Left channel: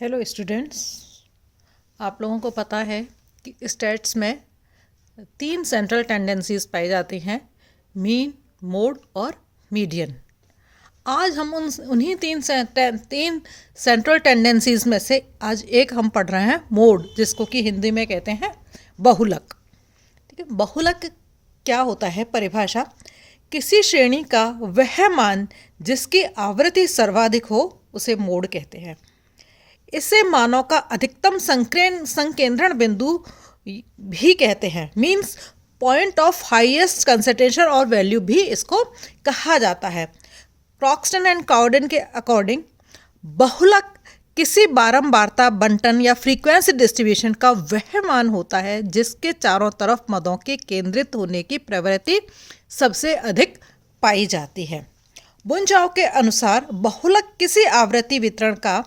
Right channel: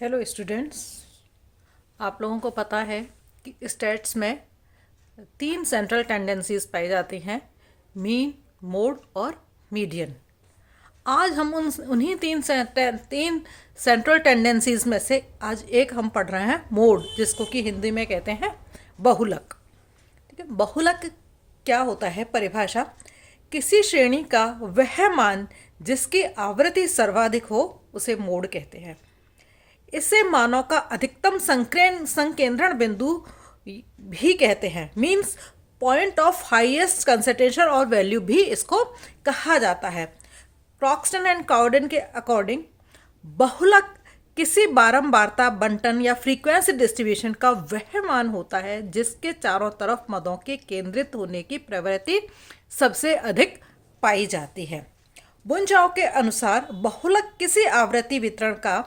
Hello students, आप लोगों को पता है कि स्टैट्स में 3 सेंट्रल टेंडेंसीज पाई जाती हैं: मीन, मोड और मीडियन। आज हम उन्हीं तीन सेंट्रल टेंडेंसीज में से आज एक हम पढ़ रहे हैं, मोड, जिसको कि हिंदी में कहते हैं बहुलक। ठीक है, बहुलक क्या होता है? परिभाषा: किसी श्रेणी का वह मान जिसकी आवृत्ति सर्वाधिक हो उसे मोड कहते हैं। इसे मानव का अधिकतम संकेंद्रण बिंदु भी कहते हैं, means point of highest concentration और वैल्यू भी इसको कहा जाता है। प्रॉक्सटन एंड काउडेन के अकॉर्डिंग बहुलक किसी बारंबारता बंटन या फ्रीक्वेंसी डिस्ट्रीब्यूशन का वह मान होता है जिसके चारों तरफ मदों के केंद्रित होने की प्रवृत्ति सबसे अधिक पाई जाती है। बुनचाओ के अनुसार बहुलक किसी आवृत्ति वितरण का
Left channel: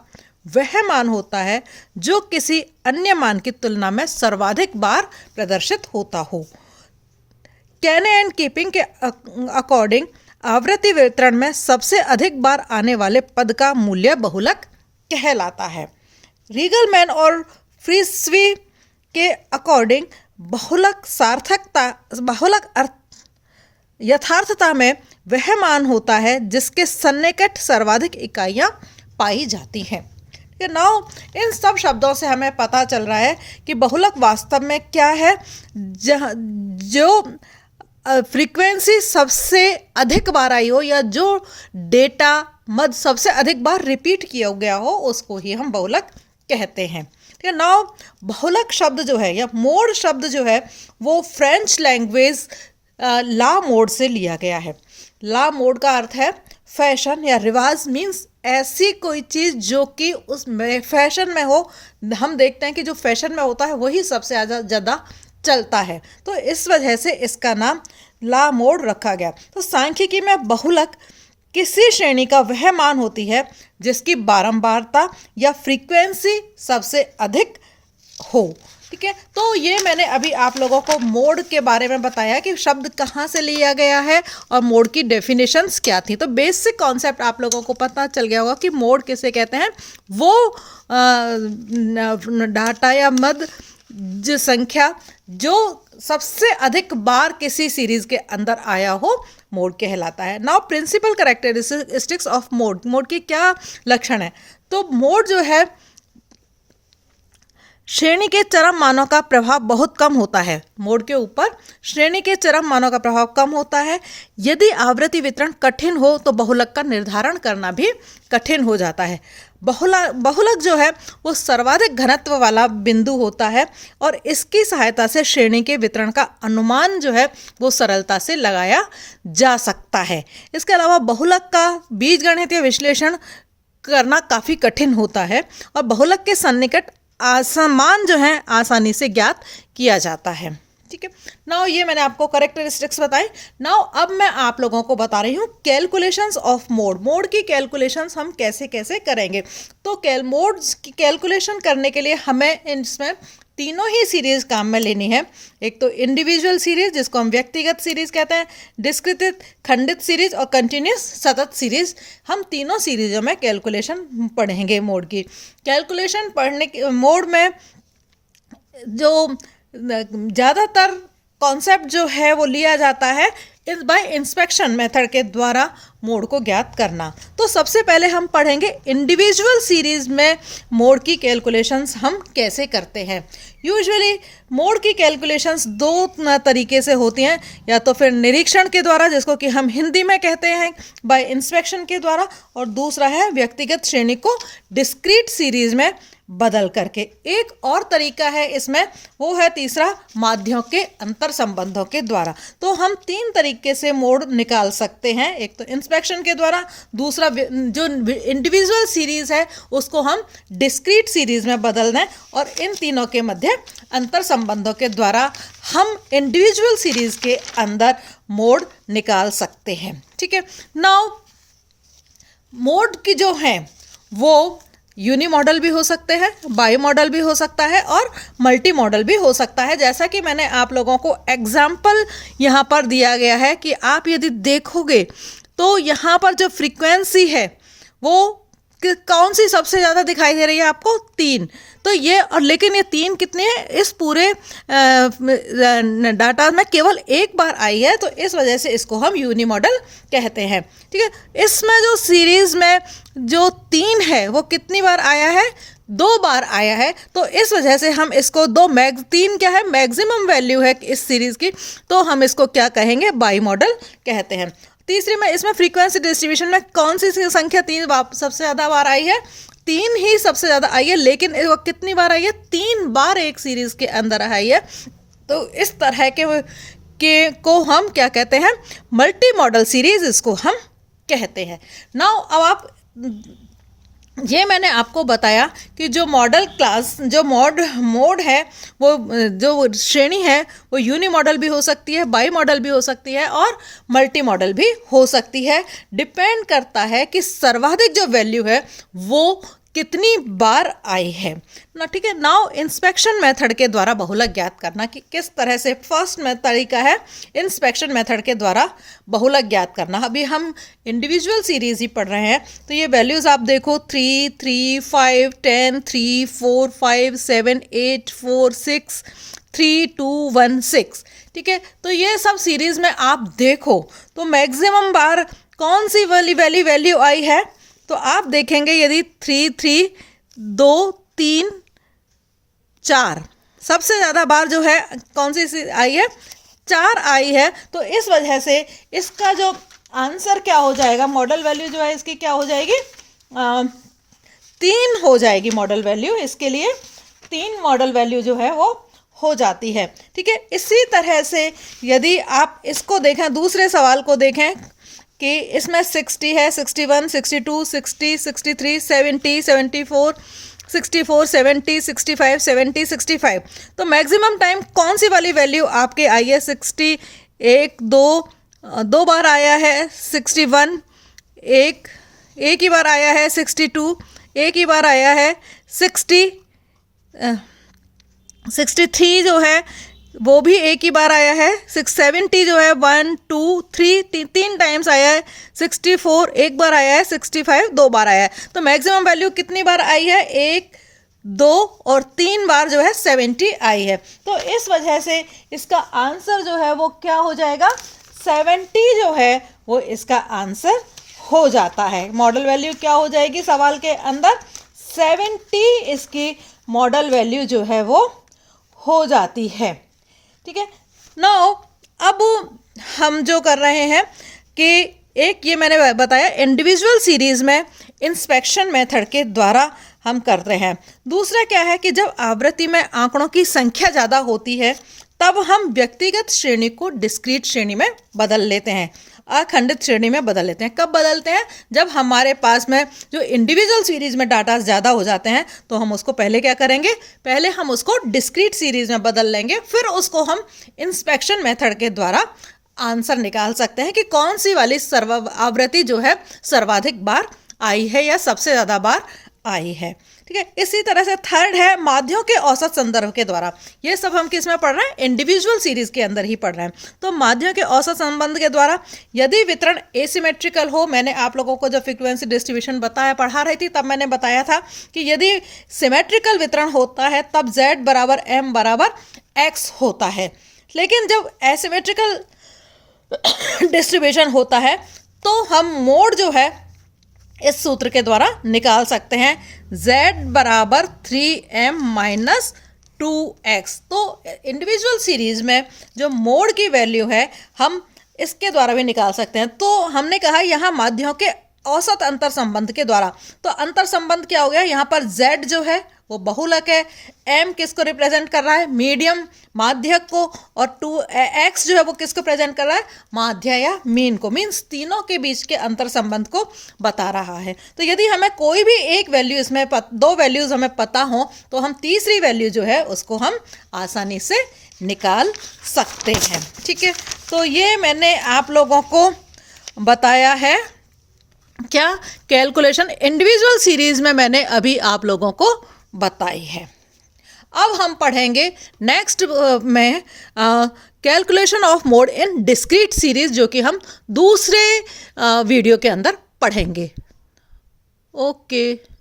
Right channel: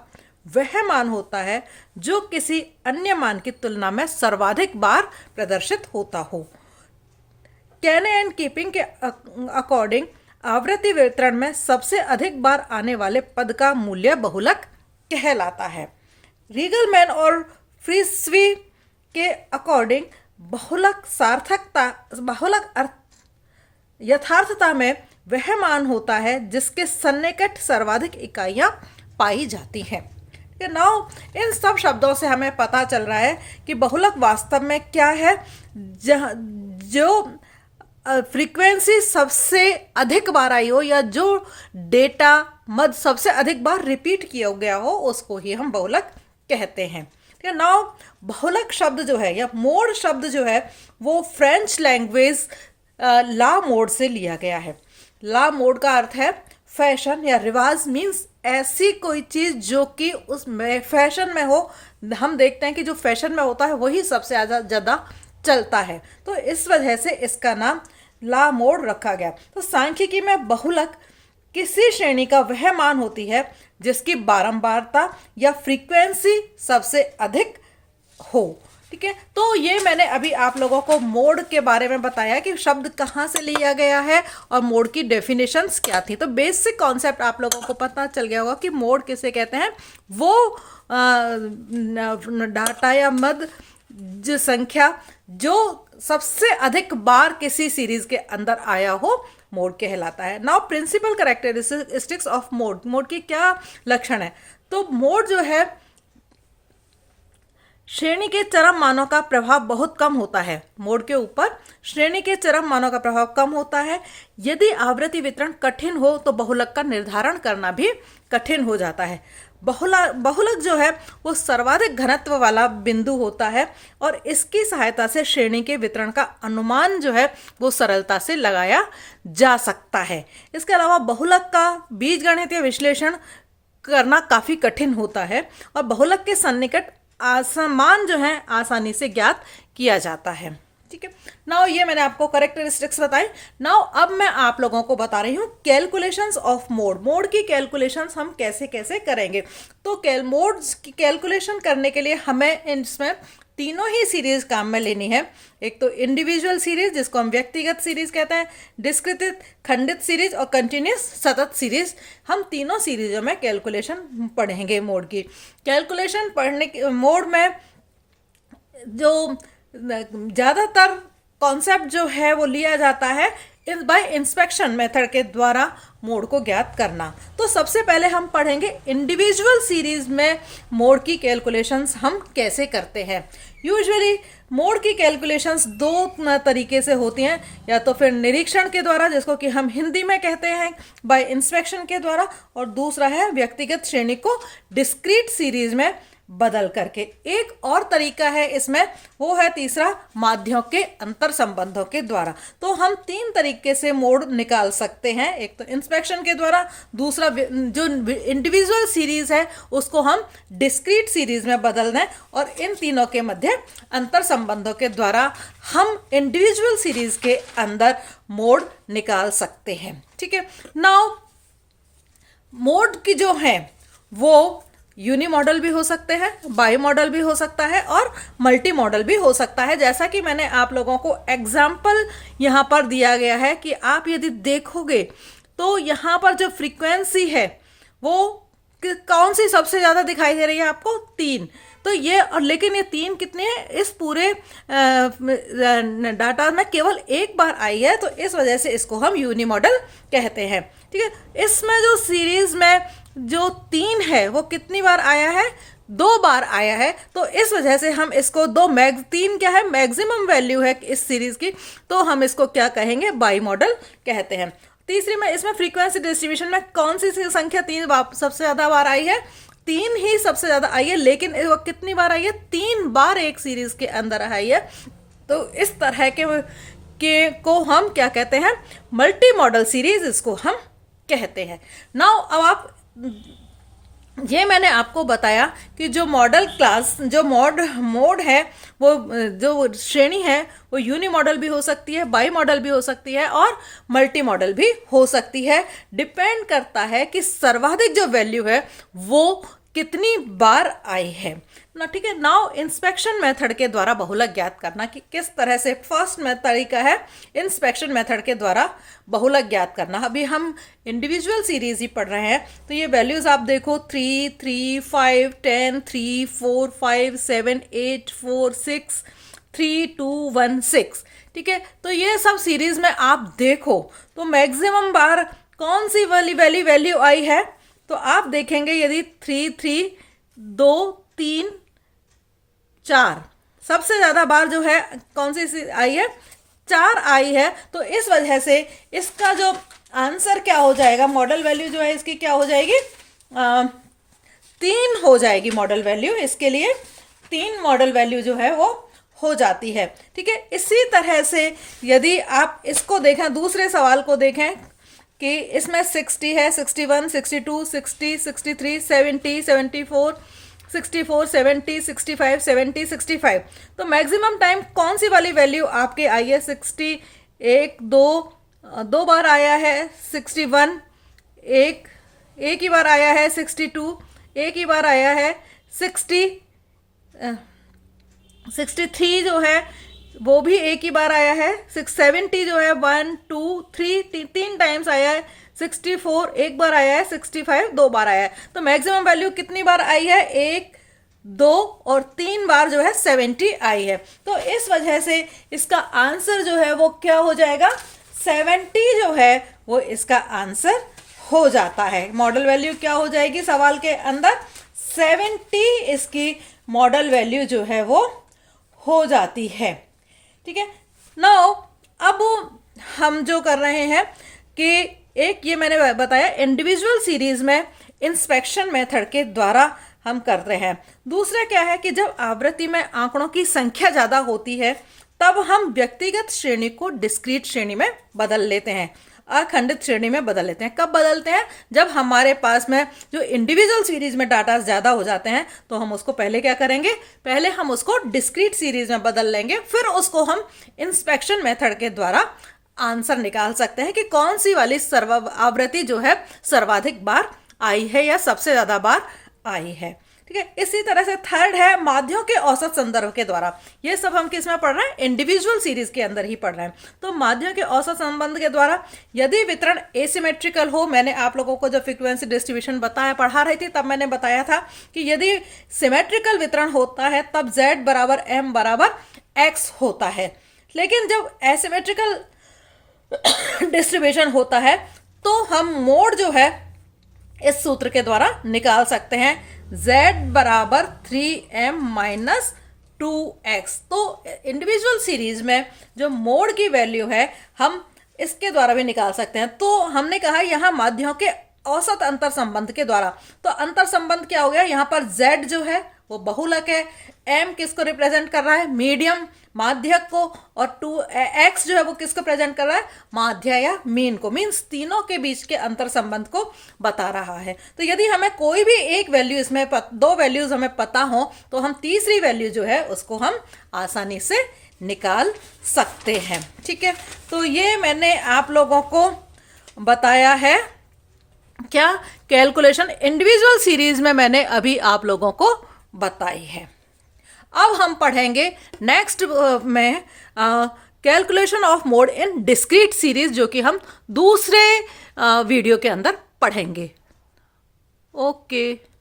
वह मान होता है जो किसी अन्य मान की तुलना में सर्वाधिक बार प्रदर्शित होता हो। कैने एंड कीपिंग के अकॉर्डिंग आवृत्ति वितरण में सबसे अधिक बार आने वाले पद का मूल्य बहुलक कहलाता है। रीगलमैन और फ्रीस्वी के अकॉर्डिंग बहुलक यथार्थता में वह मान होता है जिसके सन्निकट सर्वाधिक इकाइयां पाई जाती हैं। नाउ इन सब शब्दों से हमें पता चल रहा है कि बहुलक वास्तव में क्या है। जो फ्रीक्वेंसी सबसे अधिक बार आई हो या जो डेटा मद सबसे अधिक बार रिपीट किया गया हो उसको ही हम बहुलक कहते हैं। ठीक है, नाउ बहुलक शब्द जो है या मोड शब्द जो है वो फ्रेंच लैंग्वेज ला मोड से लिया गया है। ला मोड का अर्थ है फैशन या रिवाज, मीन्स ऐसी कोई चीज़ जो कि उस फैशन में हो। हम देखते हैं कि जो फैशन में होता है वही सबसे ज़्यादा चलता है, तो इस वजह से इसका नाम ला मोड रखा गया। तो सांख्यिकी में बहुलक किसी श्रेणी का वह मान होती है जिसकी बारंबारता या फ्रीक्वेंसी सबसे अधिक हो। ठीक है, तो ये मैंने अभी आप लोगों को मोड के बारे में बताया कि शब्द कहाँ से लिया गया है और मोड की डेफिनेशंस क्या थी। तो बेसिक कॉन्सेप्ट आप लोगों को पता चल गया होगा कि मोड किसे कहते हैं। वो डाटा या मद जो संख्या जो सबसे अधिक बार किसी सीरीज के अंदर आया हो मोड कहलाता है। Now principal characteristics of mode, mode की क्या लक्षण है? तो मोड जो है श्रेणी के चरम मानों का प्रभाव बहुत कम होता है। मोड के ऊपर श्रेणी के चरम मानों का प्रभाव कम होता है। यदि आवृत्ति वितरण कठिन हो तो बहुलक का निर्धारण करना भी कठिन हो जाता है। बहुलक जो है वो सर्वाधिक घनत्व वाला बिंदु होता है और इसकी सहायता से श्रेणी के वितरण का अनुमान जो है वो सरलता से लगाया जा सकता है। इसके अलावा बहुलक का बीजगणितीय विश्लेषण करना काफ़ी कठिन होता है और बहुलक के सन्निकट मान जो है आसानी से ज्ञात किया जाता है। ठीक है, नाउ ये मैंने आपको करेक्टरिस्टिक्स बताए। नाउ अब मैं आप लोगों को बता रही हूँ कैलकुलेशंस ऑफ मोड। मोड की कैलकुलेशंस हम कैसे कैसे करेंगे। तो मोड की कैलकुलेशन करने के लिए हमें इसमें तीनों ही सीरीज काम में लेनी है। एक तो इंडिविजुअल सीरीज जिसको हम व्यक्तिगत सीरीज कहते हैं, डिस्क्रित खंडित सीरीज और कंटिन्यूस सतत सीरीज। हम तीनों सीरीजों में कैलकुलेशन पढ़ेंगे। मोड की कैलकुलेशन मोड में जो ज़्यादातर कॉन्सेप्ट जो है वो लिया जाता है बाय इंस्पेक्शन मेथड के द्वारा मोड को ज्ञात करना। तो सबसे पहले हम पढ़ेंगे इंडिविजुअल सीरीज में मोड की कैलकुलेशंस हम कैसे करते हैं। यूजुअली मोड की कैलकुलेशंस दो तरीके से होती हैं, या तो फिर निरीक्षण के द्वारा जिसको कि हम हिंदी में कहते हैं बाय इंस्पेक्शन के द्वारा, और दूसरा है व्यक्तिगत श्रेणी को डिस्क्रीट सीरीज में बदल करके। एक और तरीका है इसमें, वो है तीसरा माध्यों के अंतर संबंधों के द्वारा। तो हम 3 तरीके से मोड निकाल सकते हैं। एक तो इंस्पेक्शन के द्वारा, दूसरा जो इंडिविजुअल सीरीज है उसको हम डिस्क्रीट सीरीज में बदल दें, और इन तीनों के मध्य अंतर संबंधों के द्वारा हम इंडिविजुअल सीरीज के अंदर मोड निकाल सकते हैं। ठीक है, नाउ मोड की जो है वो यूनि मॉडल भी हो सकते हैं, बाई मॉडल भी हो सकता है और मल्टी मॉडल भी हो सकता है। जैसा कि मैंने आप लोगों को एग्जाम्पल यहाँ पर दिया गया है कि आप यदि देखोगे तो यहाँ पर जो फ्रीक्वेंसी है वो कौन सी सबसे ज़्यादा दिखाई दे रही है आपको? 3। तो ये, और लेकिन ये 3 कितने हैं? इस पूरे डाटा में केवल एक बार आई है, तो इस वजह से इसको हम यूनी मॉडल कहते हैं। ठीक है, इसमें जो सीरीज में जो 3 है वो कितनी बार आया है? 2 बार आया है, तो इस वजह से हम इसको 3 क्या है? मैक्सिमम वैल्यू है इस सीरीज की, तो हम इसको क्या कहेंगे? बाई मॉडल कहते हैं। तीसरी में, इसमें फ्रीक्वेंसी डिस्ट्रीब्यूशन में कौन सी संख्या 3 सबसे ज़्यादा बार आई है? 3 ही सबसे ज़्यादा आई है, लेकिन वो कितनी बार आई है? 3 बार एक सीरीज के अंदर आई है। तो इस तरह के को हम क्या कहते हैं? मल्टी मॉडल सीरीज इसको हम कहते हैं। नाउ अब आप, ये मैंने आपको बताया कि जो मॉडल क्लास, जो मोड है, वो जो श्रेणी है वो यूनी मॉडल भी हो सकती है, बाई मॉडल भी हो सकती है और मल्टी मॉडल भी हो सकती है। डिपेंड करता है कि सर्वाधिक जो वैल्यू है वो कितनी बार आई है ना। ठीक है, नाउ इंस्पेक्शन मेथड के द्वारा बहुलक ज्ञात करना कि किस तरह से फर्स्ट में तरीका है इंस्पेक्शन मेथड के द्वारा बहुलक ज्ञात करना। अभी हम इंडिविजुअल सीरीज ही पढ़ रहे हैं, तो ये वैल्यूज आप देखो 3, 3, 5, 10, 3, 4, 5, 7, 8, 4, 6, 3, 2, 1, 6। ठीक है, तो ये सब सीरीज में आप देखो तो मैक्सिमम बार कौन सी वाली वैल्यू आई है? तो आप देखेंगे यदि 3, 3, 2, 3, 4 सबसे ज़्यादा बार जो है कौन सी आई है? 4 आई है। तो इस वजह से इसका जो आंसर क्या हो जाएगा? मॉडल वैल्यू जो है इसकी क्या हो जाएगी? 3 हो जाएगी मॉडल वैल्यू। इसके लिए 3 मॉडल वैल्यू जो है वो हो जाती है। ठीक है, इसी तरह से यदि आप इसको देखें, दूसरे सवाल को देखें कि इसमें 60 है, 61, 62, 60, 63, 70, 74, 64, 70, 65, 70, 65। तो मैक्सिमम टाइम कौन सी वाली वैल्यू आपके आई है? 60 दो बार आया है, 61 एक ही बार आया है, 62 एक ही बार आया है, 63 जो है वो भी एक ही बार आया है, 670 जो है 1, 2, 3 तीन टाइम्स आया है, 64 एक बार आया है, 65 2 बार आया है। तो मैक्सिमम वैल्यू कितनी बार आई है? 1, 2 और 3 बार जो है 70 आई है। तो इस वजह से इसका आंसर जो है वो क्या हो जाएगा? 70 जो है वो इसका आंसर हो जाता है। मॉडल वैल्यू क्या हो जाएगी सवाल के अंदर? 70 इसकी मॉडल वैल्यू जो है वो हो जाती है। ठीक है, नाउ अब हम जो कर रहे हैं कि एक ये मैंने बताया इंडिविजुअल सीरीज में इंस्पेक्शन मेथड के द्वारा हम कर रहे हैं। दूसरा क्या है कि जब आवृत्ति में आंकड़ों की संख्या ज़्यादा होती है तब हम व्यक्तिगत श्रेणी को डिस्क्रीट श्रेणी में बदल लेते हैं, अखंडित श्रेणी में बदल लेते हैं। कब बदलते हैं? जब हमारे पास में जो इंडिविजुअल सीरीज में डाटा ज़्यादा हो जाते हैं तो हम उसको पहले क्या करेंगे? पहले हम उसको डिस्क्रीट सीरीज में बदल लेंगे, फिर उसको हम इंस्पेक्शन मेथड के द्वारा आंसर निकाल सकते हैं कि कौन सी वाली आवृत्ति जो है सर्वाधिक बार आई है या सबसे ज़्यादा बार आई है। ठीक है, इसी तरह से थर्ड है माध्यों के औसत संदर्भ के द्वारा। ये सब हम किस में पढ़ रहे हैं? इंडिविजुअल सीरीज के अंदर ही पढ़ रहे हैं। तो माध्यों के औसत संबंध के द्वारा यदि वितरण एसिमेट्रिकल हो, मैंने आप लोगों को जब फ्रीक्वेंसी डिस्ट्रीब्यूशन पढ़ा रही थी तब मैंने बताया था कि यदि सिमेट्रिकल वितरण होता है तब z बराबर m बराबर x होता है, लेकिन जब एसिमेट्रिकल डिस्ट्रीब्यूशन होता है तो हम मोड जो है इस सूत्र के द्वारा निकाल सकते हैं, z बराबर 3m माइनस 2x। तो इंडिविजुअल सीरीज में जो मोड की वैल्यू है हम इसके द्वारा भी निकाल सकते हैं। तो हमने कहा यहाँ माध्यों के औसत अंतर संबंध के द्वारा, तो अंतर संबंध क्या हो गया? यहाँ पर z जो है वो बहुलक है, m किसको रिप्रेजेंट कर रहा है? मीडियम माध्यक को, और 2x जो है वो किसको प्रेजेंट कर रहा है? माध्य या मीन को, मीन्स तीनों के बीच के अंतर संबंध को बता रहा है। तो यदि हमें कोई भी एक वैल्यू, इसमें 2 वैल्यूज हमें पता हो तो हम तीसरी वैल्यू जो है उसको हम आसानी से निकाल सकते हैं। ठीक है, तो ये मैंने आप लोगों को बताया है क्या? कैलकुलेशन इंडिविजुअल सीरीज में मैंने अभी आप लोगों को बताई है। अब हम पढ़ेंगे नेक्स्ट में calculation of mode in discrete series, जो कि हम दूसरे वीडियो के अंदर पढ़ेंगे। ओके।